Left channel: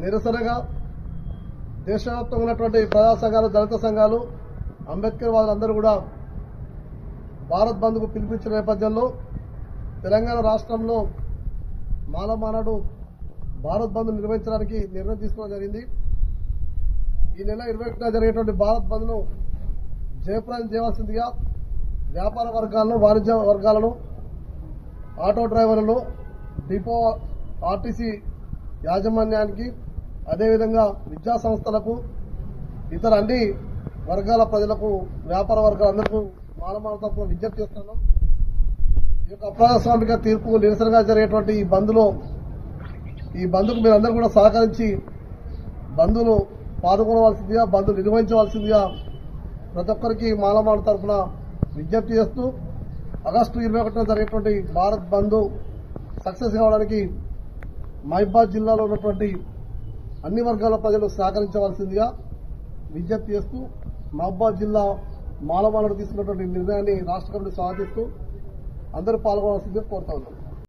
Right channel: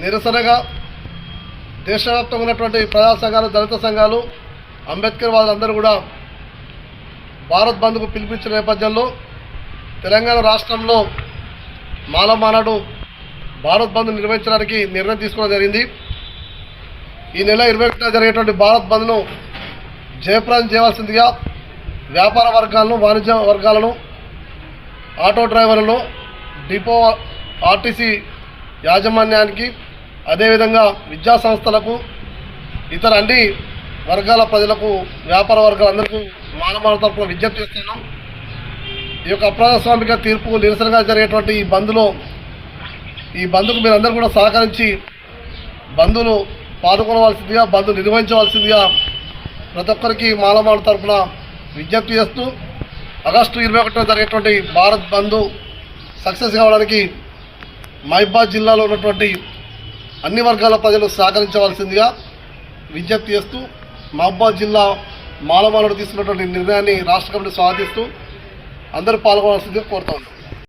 నిరసనగా దేశవ్యాప్తంగా ఉన్నటువంటి ప్రజా సంఘాలు దళిత సంఘాలు అంబేద్కర్ వాళ్ళందరూ కూడా భారత్ బంద్కు పిలిపించిన నేపథ్యంలో తెలంగాణ రాష్ట్రంలో మాలమానాడు భారత్ బంద్ నిర్వహించడానికి నిర్ణయం తీసుకోవడం జరిగింది. ఈ నెల ఇరవై ఒకటిన జరిగేటువంటి భారత్ బంద్ను జయప్రదం చేయవలసిందిగా వ్యాపార వర్గాలను వాణిజ్య వర్గాలను ఆటో డ్రైవర్లను డిపో ఆర్టీసీ యాజమాన్యానికి అదేవిధంగా విద్యా సంస్థలకు ఇతర అన్ని వర్గాల ప్రజలకు వ్యాపార వర్గాలందరికీ మానవాళ తరపున విజ్ఞప్తి చేస్తున్నాం. ఈ యొక్క అప్రజాస్వామిక తీర్పు నిరసనగా జరిగేటువంటి ఈ బంద్లో ఈ బంద్కు మీరందరూ కూడా సహకరించి బంధులు పాల్గొనవలసిందిగా బంధు నిర్వహించవలసిందిగా ప్రతి ఒక్కరికి మాలమాల తరపున విజ్ఞప్తి చేస్తూ ఆగస్టు ఇరవై ఒకటిన జరిగేటువంటి భారత్ బంధు సక్సెస్ కావడానికి మహిబాద్ జిల్లాలో ఉన్నటువంటి అన్ని వర్గాల ప్రజలు సహకరించవలసిందిగా విజ్ఞప్తి చేస్తూ మహబాద్ జిల్లా మాలమాలను తీసుకున్నటువంటి నిర్ణయాన్ని రాష్ట్ర కమిటీ స్వాగతిస్తూ అందరూ పాల్గొనాల్సిందిగా కోరుతా ఉన్నాం.